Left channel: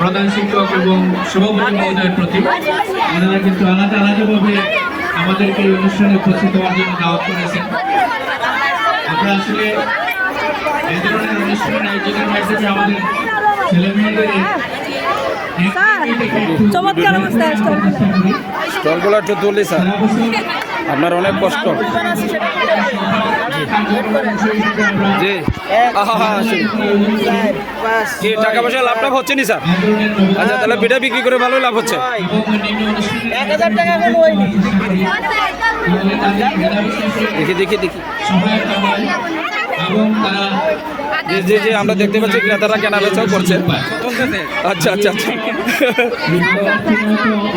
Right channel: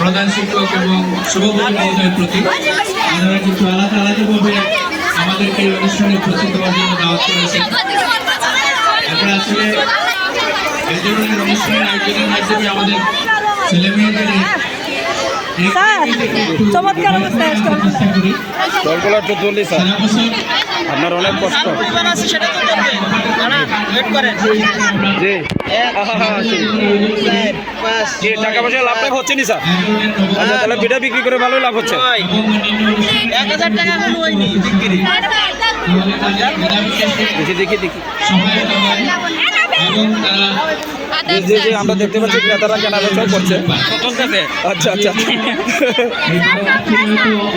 প্রধান শিক্ষক এবং সভাপতি মহোদয়ের প্রতি, আপনারা কিন্তু আলাদা আলাদাভাবে আমাদেরকে এই অনুষ্ঠানে উপস্থিত হওয়ার জন্য দাওয়াত করেছেন। আমরা আসলে এই ধরনের অনুষ্ঠান আয়োজনের মাধ্যমে আমাদের ছেলে মেয়েদের চমৎকার অবস্থায় স্টলগুলো একটু তুলি স্যার, আপনার অনেক কষ্ট। জি জি, টাকা পয়সা লাভ টাভ হচ্ছে নি স্যার? আচ্ছা, তাহলে পিঠা বিক্রি করে ভালোই লাভ হচ্ছে। 1000 টাকা এখনো হয়নি দেখি দেখি দেখি জি জি জি, আমরা দেখতে পাচ্ছি ক্রেতারা কেনা বেচাও করছে। আচ্ছা আচ্ছা,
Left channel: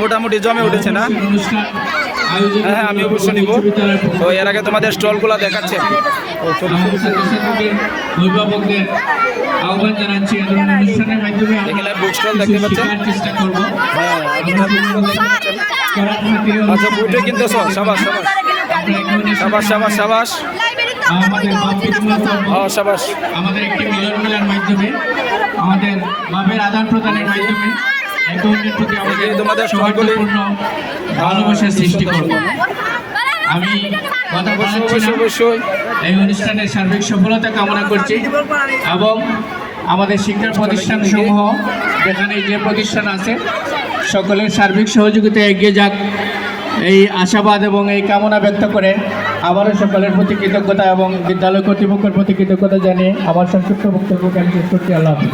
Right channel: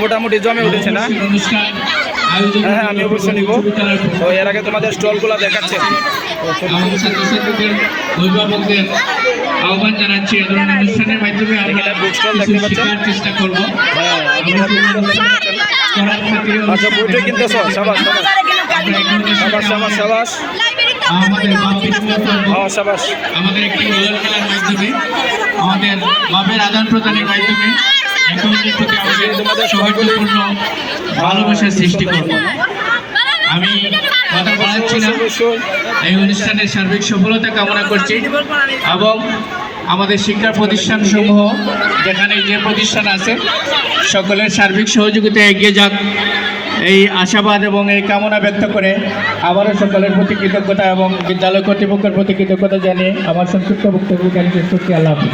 মোটামুটি জমে উঠেছে না? হ্যাঁ হ্যাঁ, আমি অবশ্যই নিব। তো এর আগে তোমাদের স্টলগুলো দেখাচ্ছে, আহ্বান জানাচ্ছি এই ধরনের অনুষ্ঠানের মাধ্যমে এখানে বুক স্টল দেখতে পাচ্ছেন। চেষ্টা করবো। হ্যাঁ, আপনারা বুক স্টল দেখতে পাচ্ছেন। আচ্ছা, বইটা কিনতেছ? সাবাস সাবাস সাবাস সাবাস সাবাস, সাবাস। আমাদের একটি মিলন মেলার মাধ্যমে, আমাদের ভাবের আদান প্রদানের মাধ্যমে তোমাদের সবাইগুলি ভালোবাসার সৃষ্টি করবো। আমি কথা বলাচ্ছিলাম, এই অনুষ্ঠানের সার্বিক সফলতা কামনা করছি এবং আমাদের শিক্ষা প্রতিষ্ঠান সমূহ যেখানে যে প্রতিষ্ঠান আছে সকলের সার্বিক সহযোগিতা এগিয়ে যাক, এই আশাবাদ এবং এই কামনা ব্যক্ত করে আবারও সকলের প্রতি কৃতজ্ঞতা এবং বিদ্যালয় কর্তৃপক্ষের প্রতি কৃতজ্ঞতা জানিয়ে আমার সংক্ষিপ্ত বক্তব্য শেষ করছি। আল্লাহ হাফেজ।